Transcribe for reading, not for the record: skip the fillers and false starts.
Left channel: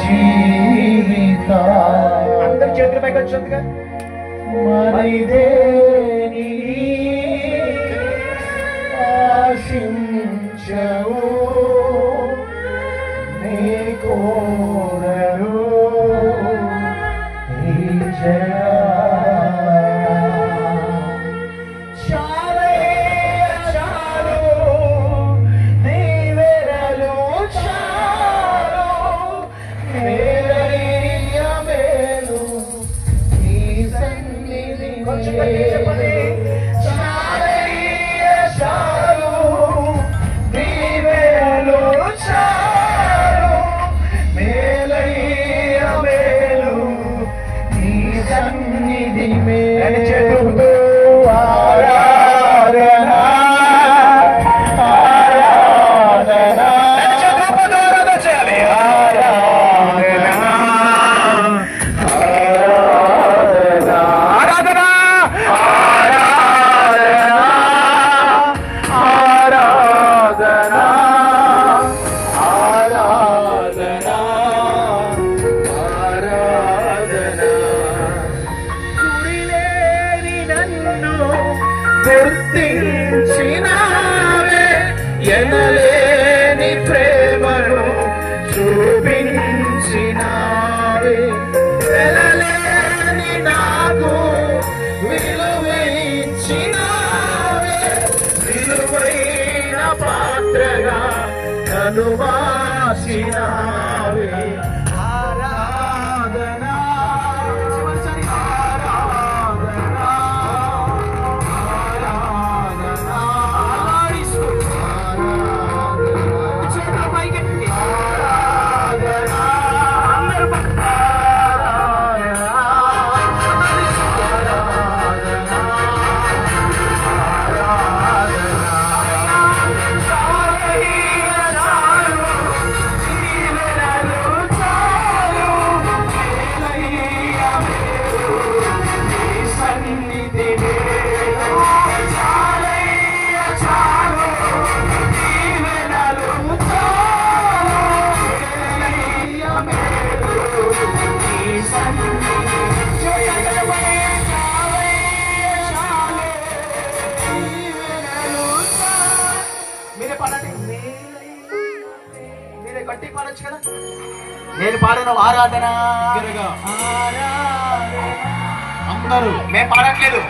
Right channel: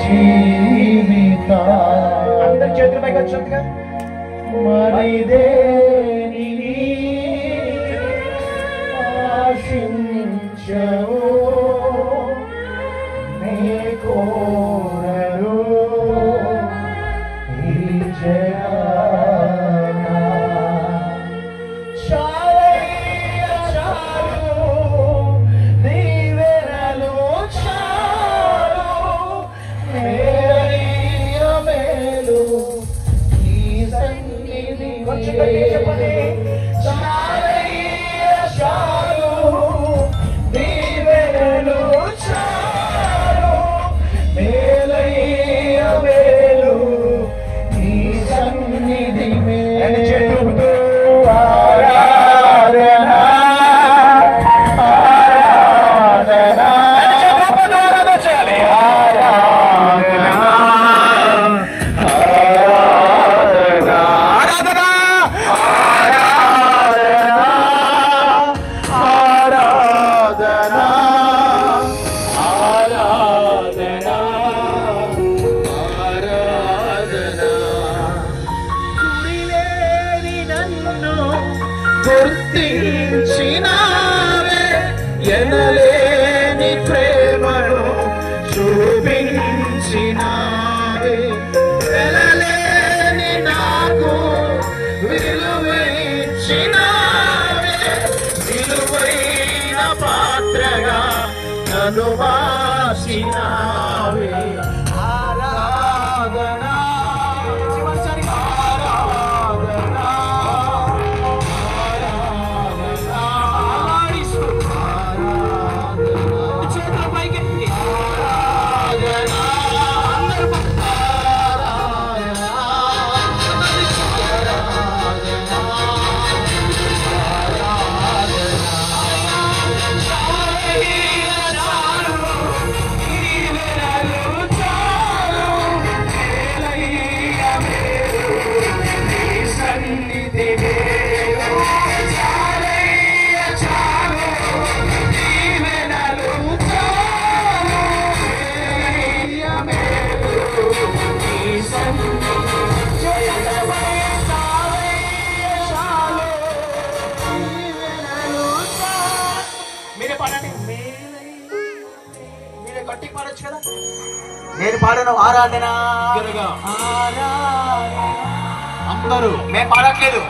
జీవిత అందరి చేతుల పైకి వచ్చిందిగా మరిదే ఆశించవు నీ కోరలు ఈ గుర్తించినావే ఎనలేని ప్రేమను చూపించినావే ఎనలేని నాకు విలువించినావే విలువైన పాత్రగా నన్ను మార్చినావే ఆరాధనా గట్టి పాడొచ్చు కదా. నేను పాడను ఆరాధన అందరూ నేను పాడట్లేదు.